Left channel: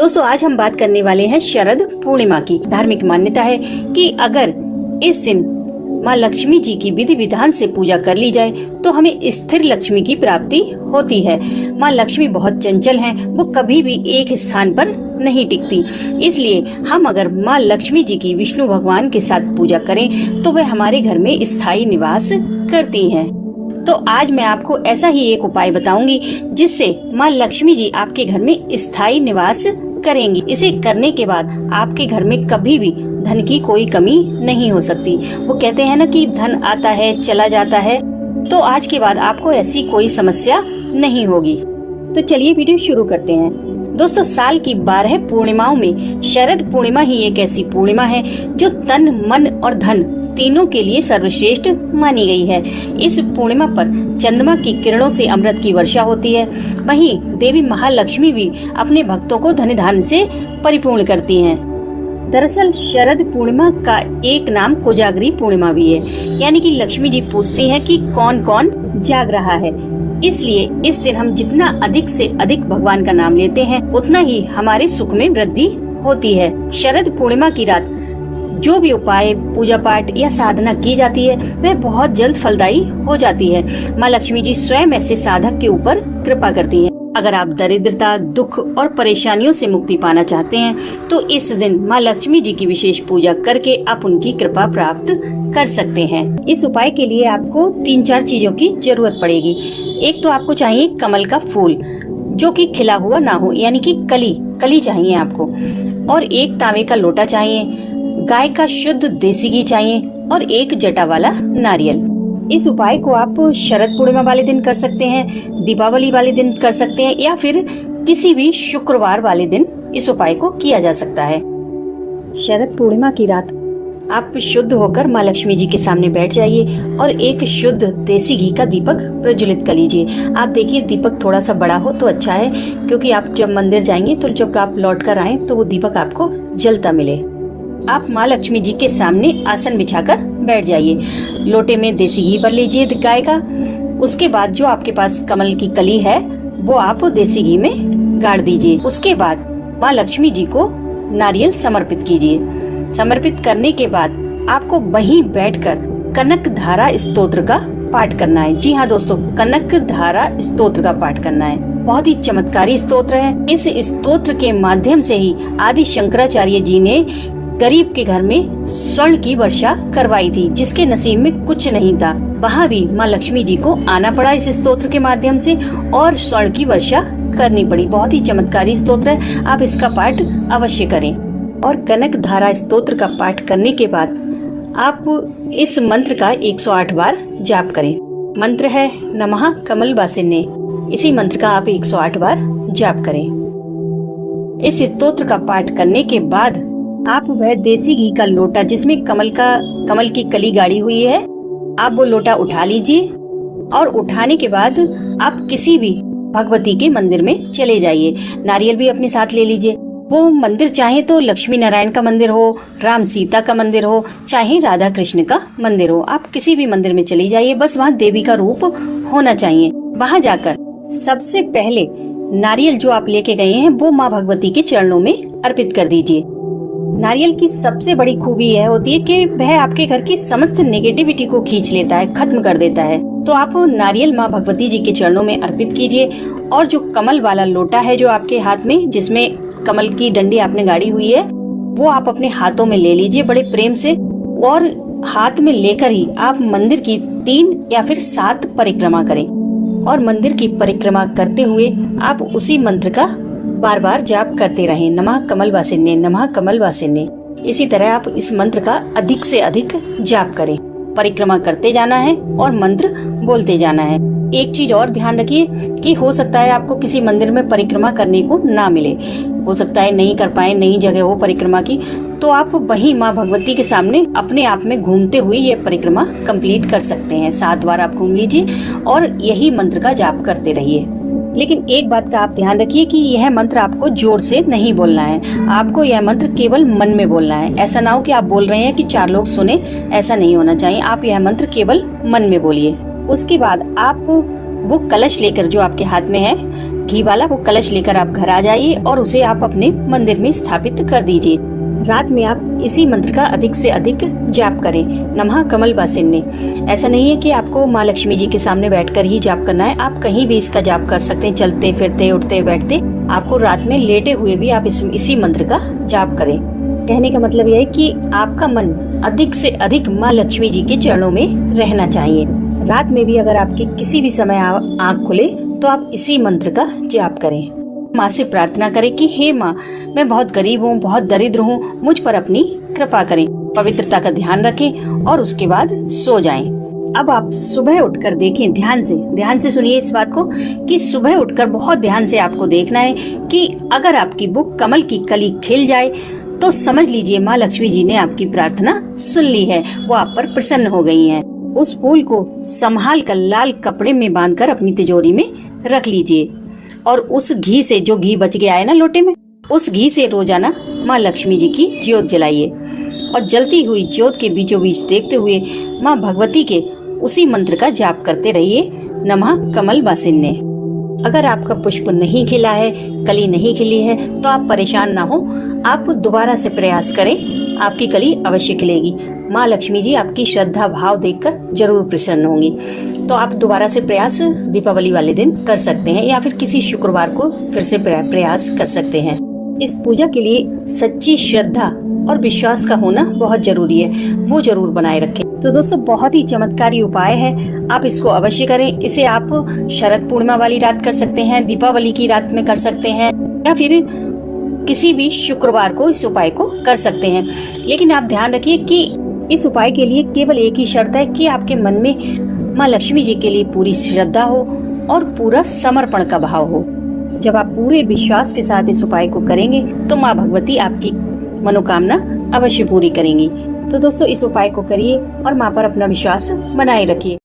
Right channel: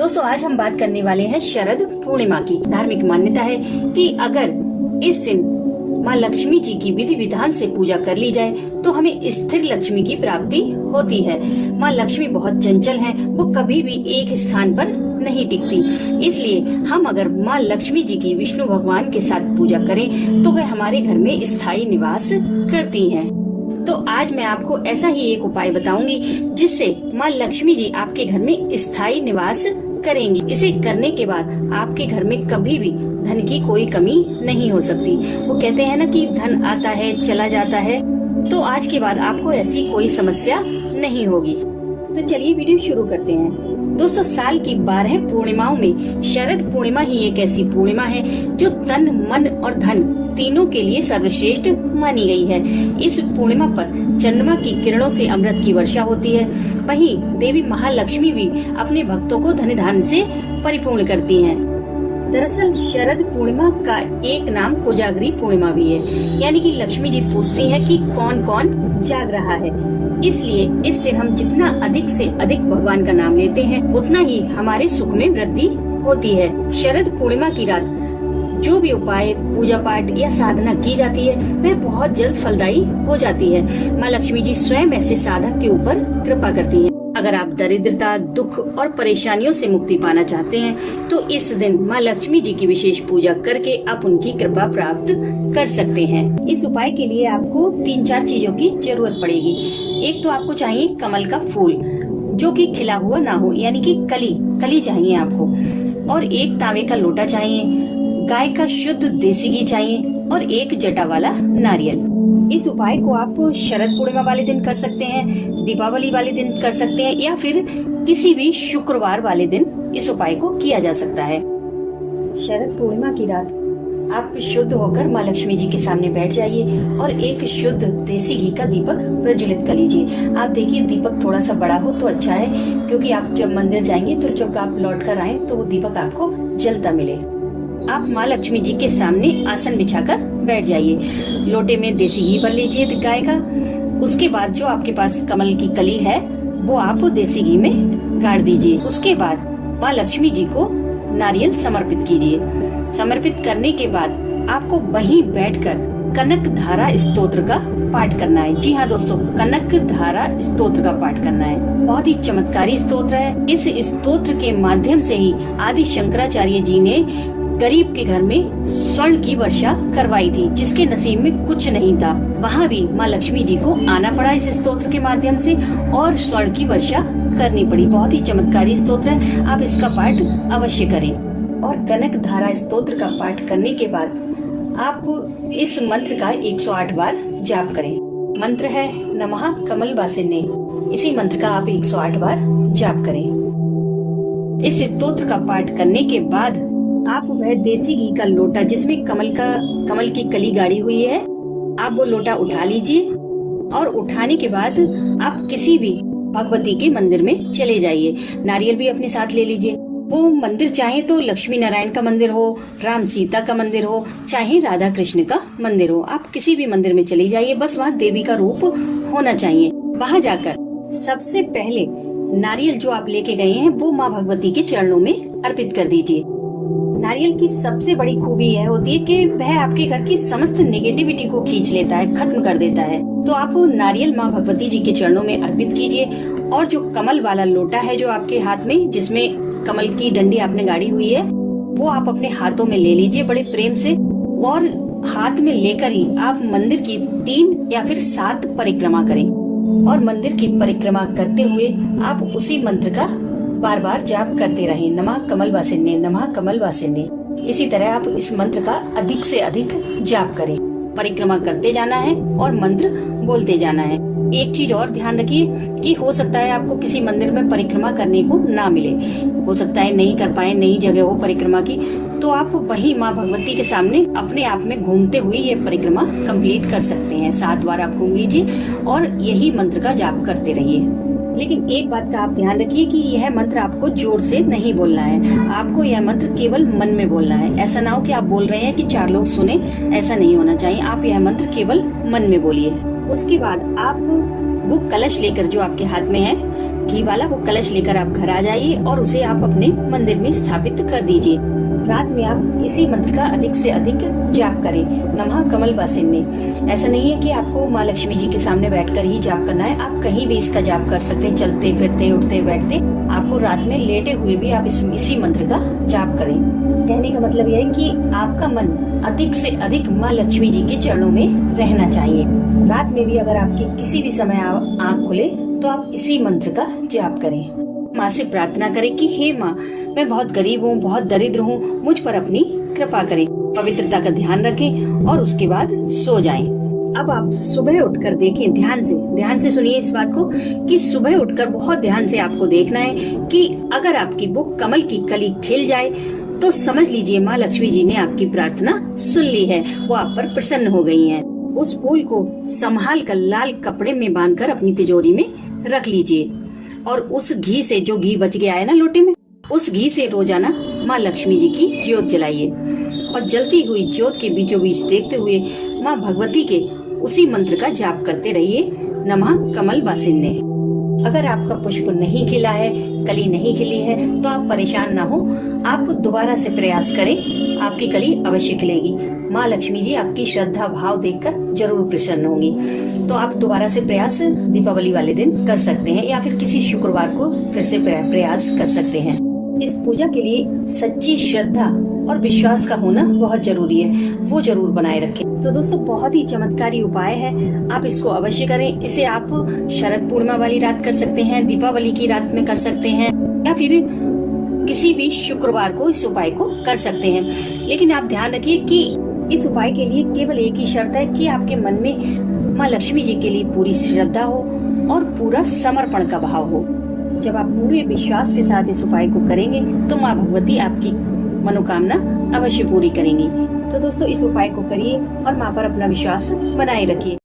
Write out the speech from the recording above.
दोस्तों आज हम बात करने वाले हैं शरद पूर्णिमा की। धार्मिक मान्यता है कि अगर इस दिन माँ लक्ष्मी जी की विधि विधान से पूजा कर ली जाए तो हमें स्थिर लक्ष्मी की प्राप्ति होती है। माँ लक्ष्मी बहुत चंचल हैं, वो कभी भी एक स्थान पर नहीं टिकती। इसलिए हम अगर माँ लक्ष्मी जी की विष्णु भगवान के साथ पूजा करें तो वह हमारे घर में स्थायी निवास करती हैं। तो आज मैं आपको ऐसा ही एक उपाय बताऊंगी जिससे माँ लक्ष्मी जी आपके घर में स्थायी निवास करेंगी। इसे करने के बाद आपके घर में कभी भी धन की कोई कमी नहीं हो सकती। वो कहते हैं ना कि धन आता है चला जाता है, तो आज के बाद आपको ऐसी कोई समस्या नहीं होगी। तो चलिए वीडियो शुरू करते हैं। दोस्तों साल की 12 पूर्णिमाओं में शरद पूर्णिमा ही एक ऐसी पूर्णिमा है जो तन, मन और धन तीनों के लिए सर्वश्रेष्ठ मानी गई है। इस पूर्णिमा पर चंद्रमा की किरणों से अमृत की वर्षा होती है। वहीं देवी महालक्ष्मी भी अपने भक्तों को धन धान्य से परिपूर्ण करती हैं। दरअसल शरद पूर्णिमा का एक नाम कोजागरी पूर्णिमा भी है, यानी कि लक्ष्मी जी पूछती हैं कि कौन कौन जाग रहा है। इसलिए इस दिन हम जितना अधिक से अधिक भगवान का नाम लेते हैं उतना ही हमारे सुख में वृद्धि होती है। शरद पूर्णिमा की रात जो भी उपाय, पूजा पाठ या साधना की जाती है वह बहुत जल्द फलदायी हो जाती है। माँ लक्ष्मी जी स्वयं ऐसे साधक के ऊपर कृपा करती हैं। अगर आप दरिद्रता, दुख और परेशानियों से मुक्ति पाना चाहते हैं तो इस दिन माँ लक्ष्मी जी की विशेष पूजा करके आप उनकी कृपा प्राप्त कर सकते हैं। इस उपाय के लिए आपको 3-4 चीजों की जरूरत पड़ेगी। एक तो आपको चाहिए कमल का फूल जो कि खिला हुआ ना हो, यानी कि कली चाहिए आपको, और एक तांबे का लोटा चाहिए, गाय का शुद्ध देसी घी चाहिए और एक जटा वाला नारियल। इस उपाय को आप शरद पूर्णिमा वाले दिन कर सकते हैं, दीपावली वाले दिन कर सकते हैं या फिर किसी भी शुक्रवार वाले दिन इस उपाय को किया जा सकता है। शरद पूर्णिमा की रात आप शुद्ध होकर माँ लक्ष्मी जी के सामने बैठ जाइए और एक शुद्ध देसी घी का दीपक प्रज्वलित कर लीजिए। आप देखिए दीपक थोड़ा सा बड़ा हो तो अच्छा है, क्योंकि आप जब मंदिर जाएंगे तो जब आप लौट कर आए तो वो दीपक आपको जलता मिले। आप माँ लक्ष्मी जी के सामने आसन बिछाकर बैठ जाइए। लोटे में देसी घी भर लीजिए गाय का। उसके बाद जो आपके पास कमल की कली है वो आप देसी घी में गाड़ दीजिए। उसके बाद माँ लक्ष्मी जी को नारियल समर्पित कीजिए। समर्पित करने के बाद आपको वहीं बैठकर कनक धारा स्तोत्र का पाठ करना है। जी हाँ दोस्तों, कनक धारा स्तोत्र का पाठ करना है। बहुत ही चमत्कारी स्तोत्र है। इस स्तोत्र के माध्यम से ही आदि शंकराचार्य जी ने गरीब के घर में स्वर्ण की वर्षा करवाई थी, जिसके नसीब में कुछ नहीं था। वहाँ भी माँ लक्ष्मी जी को आना पड़ा इस स्तोत्र के माध्यम से और स्वर्ण की वर्षा करनी पड़ी। बहुत ही चमत्कारी स्तोत्र है, आप इसका पाठ अवश्य करें। और कनक धारा स्तोत्र का पाठ करने के बाद आप इस मंत्र का 108 बार जाप करें। मंत्र है नमः कमल वासिन्ये। इसी मंत्र का आप 108 बार जाप करें। इस स्तोत्र का पाठ करने के बाद आप वह देसी घी का लोटा जिसमें कमल की कली गाड़ी हुई है, आप वो लोटा उठा लीजिए और उठाने के बाद आप किसी भी भगवती के मंदिर में चले जाइए। नारियल भी अपने साथ ले लीजिए। वो मंदिर चाहे तो लक्ष्मी नारायण का मंदिर हो, राम सीता का मंदिर हो, चाहे राधा कृष्ण का मंदिर हो, आप किसी भी मंदिर में चली जाइए। बस वहाँ देवी का रूप होना चाहिए। वहाँ जाकर सबसे पहले नारियल जो आप लेके गए हैं वो माँ भगवती के चरणों में अर्पित कर दीजिए। नारियल की सबसे बड़ी खूबी यह होती है कि वह आपके घर की समस्त नेगेटिविटी को खींच लेता है, खत्म कर देता है। तो आप नारियल माँ भगवती जी के चरणों में अर्पित कीजिए और जो कमल वाला लोटा है जो आपके हाथ में, जिसमें कमल की डंडी आपने गाड़ी हुई है, वो आप अपने हाथों में ले लीजिए बड़े प्रेम से। और हाथ में लेकर ही आप मंदिर की 3 या फिर 7 परिक्रमा करें और मंदिर की परिक्रमा करते हुए आप उसी मंत्र का बार बार जाप करते रहें, नमः कमल वासिन्ये, नमः कमल वासिन्ये। इसी तरह आप इस मंत्र का अधिक से अधिक जाप करें। परिक्रमा करते जाना है और मंत्र बोलते जाना है। एक चीज और ध्यान रखिए कि हो सकता है आपको किसी मंदिर में परिक्रमा करने को ना मिले, हो सकता है नहीं कर पाए, नई जगह हो परिक्रमा की, तो आप वहीं माँ भगवती के सामने अपने आप में घूमते हुए ये परिक्रमा कंप्लीट कर सकते हैं। 7 बार आप घूम लीजिए और यही मंत्र का जाप करते रहिए। लेकिन एक बात का आप ध्यान रखिए कि यह मंत्र आपको जोर से नहीं बोलना है। आपको यह मंत्र केवल मन में बोलना है। ऐसा ना हो कि आप बोल रहे हैं कि 4 लोग सुने, ऐसा नहीं होना चाहिए। आप यह मंत्र केवल मन में बोलिए। उसके बाद आप वो कलश लेकर जो आपके हाथ में है, घी वाला वो कलश लेकर आप घर आ जाइए और उसे आप अपने मंदिर में स्थापित कर दीजिए। रात में आप इसी मंत्र का अधिक से अधिक जाप करें, नमः कमल बासिन्ने। ऐसा नहीं है कि आपको माँ लक्ष्मी जी के सामने बैठकर ही जाप करना है, आप कहीं भी इसका जाप कर सकते हैं, चलते फिरते उठते बैठते। आपको रात में लेटे हुए भी आप इसी मंत्र का जाप करें। कहने का मतलब यह है कि आपका मन अधिक से अधिक माँ लक्ष्मी जी के चरणों में रहना चाहिए। रात में भी अगर आपके किसी भी समय आँख खुले तो आप इसी मंत्र का जाप करें। माँ से प्रार्थना करें कि हे माँ, मैं बहुत गरीब हूँ, बहुत दरिद्र हूँ, मुझ पर अपनी कृपा करें। पवित्रता का ध्यान रखें और उसके बाद सो जाएं। अब आप सुबह उठकर देखें, ध्यान से सुनिए इस बात को कि सुबह उठकर बहुत ध्यान से आपको देखना है कि अगर आपकी बुक कमल की कली खिल जाए तो समझ लीजिए माँ लक्ष्मी जी ने आपकी प्रार्थना सुन ली है, वो आप पर प्रसन्न हो गई हैं। उस फूल को संभाल कर लाल कपड़े में बांधकर अपनी तिजोरी में रख लीजिए और उस घी से, जो घी बच गया है ना लोटे में, उस घी से रोजाना माँ लक्ष्मी जी की ज्योत जलाइए और जलती हुई ज्योत के बीचों बीच देखते हुए माँ भगवती के उसी मंत्र का जाप करते रहिए, नमः कमल बासिन्ने। अगर आपका पुष्प नहीं खिला है, कली नहीं खिली है, तो आप परेशान ना हो, आप दोबारा से प्रयास करें, आपकी कली अवश्य खिलेगी। माँ लक्ष्मी जी आपकी श्रद्धा भाव देखकर जरूर प्रसन्न होंगी। तो आप दोबारा से प्रयास दीपावली वाले दिन कर सकते हैं या फिर किसी शुक्रवार को फिर से प्रयास कर सकते हैं। इस पूजा के लिए सच्ची श्रद्धा और विश्वास का होना बहुत जरूरी है, वो जरूर बनाए रखें। तो दोस्तों, बहुत ही चमत्कारी उपाय है, आप इसको अवश्य करें। इसे आप शरद पूर्णिमा वाली रात कर सकते हैं, दीपावली की रात में कर सकते हैं या फिर किसी भी शुक्रवार को इस उपाय को कर सकते हैं। लेकिन आप ध्यान रखिए कि इस उपाय के लिए केवल एक ही शर्त है कि आपके मन में माँ लक्ष्मी जी के लिए पूरी श्रद्धा हो और पूरा समर्पण का भाव हो। जब आप पूरे विश्वास के साथ इस उपाय को करेंगे तो माँ भगवती आपकी मनोकामना अवश्य पूरी करेंगी। तो दोस्तों, इस उपाय को करिए और माँ पर अपना विश्वास बनाए रखिए।